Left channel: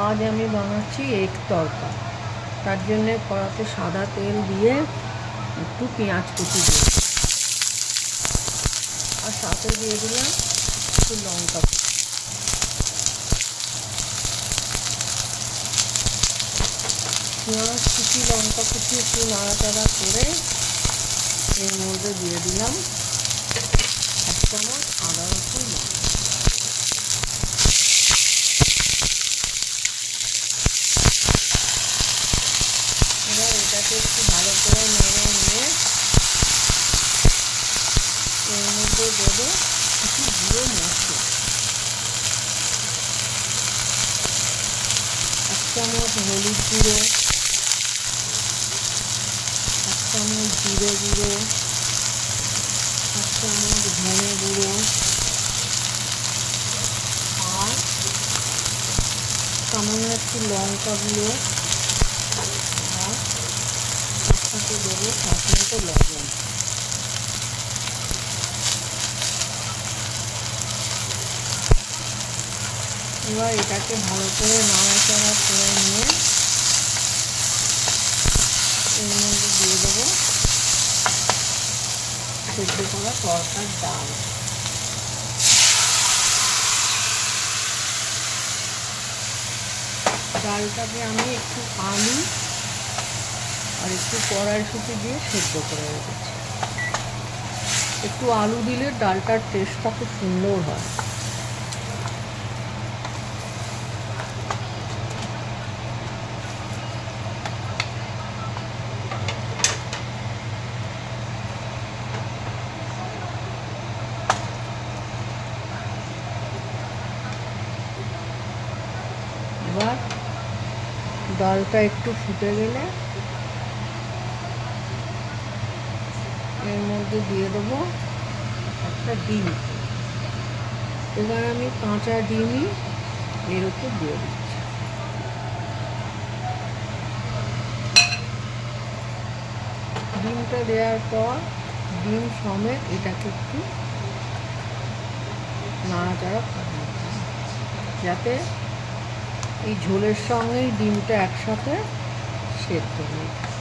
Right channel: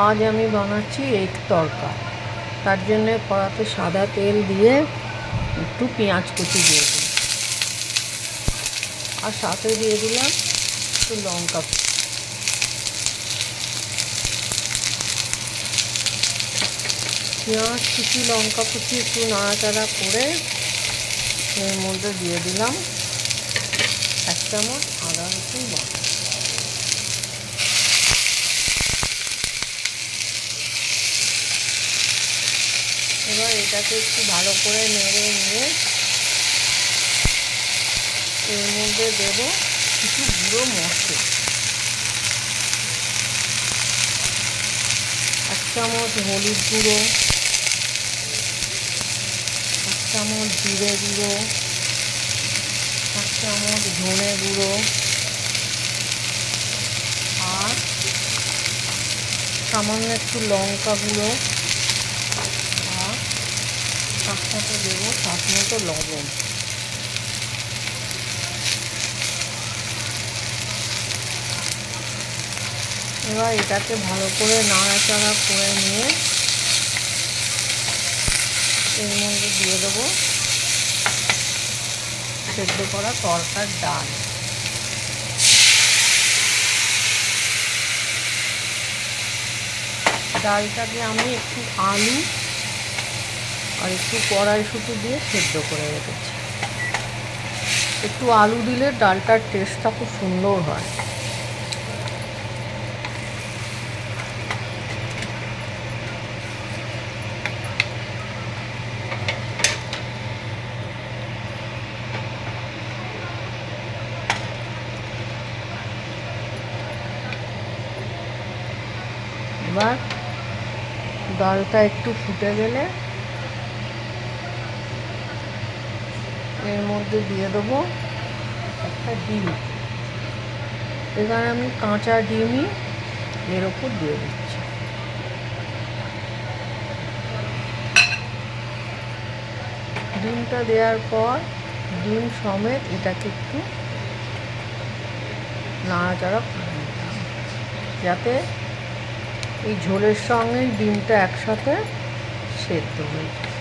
আজ আমি বানাচ্ছি এগ তড়কা। তার জন্য কড়াতে সাদা তেল দিয়ে একটু পেঁয়াজ কুচি দিয়ে দিলাম, আর সাথে দিয়ে দিলাম একটু লঙ্কা। পেঁয়াজ কুচি লঙ্কা কুচি একটু নাড়াচাড়া করে এর মধ্যে দিয়ে দিলাম 1 চামচ আদা রসুন বাটা। এবার এটাকে একটু ভালো করে নেড়ে নিয়ে এর মধ্যে দেব কিছু গুঁড়ো মশলা। 1 চামচ হলুদ গুঁড়ো, 1 চামচ জিরে গুঁড়ো, 1 চামচ ধনে গুঁড়ো, আর সামান্য একটু লঙ্কা গুঁড়ো, আর তার সাথে দেবো স্বাদ মতো লবণ। এবার এটাকে ভালো করে নাড়াচাড়া করে নিয়ে এর মধ্যে দিয়ে দেবো সেদ্ধ করা তড়কার ডাল। ডালটাকে আমি একটু আলু আর একটু কড়াইশুঁটি দিয়ে সেদ্ধ করে রেখেছি। একটু আলু দিলে ডালটার টেস্টটা খুব সুন্দর হয়। এবার ডালটা একটু ফুটে গেলে এর মধ্যে দিয়ে দেবো একটা ডিম। এখানে আমি কাঁচা ডিমই এর ওপর দিয়ে দিচ্ছি। ডিমটা দেওয়ার পর ডিম সমেত এটাকে একটু নাড়াচাড়া করে নিতে হবে, যাতে এই ঝোলের সঙ্গেই ডিমটা একসাথে সেদ্ধ হয়ে যায়।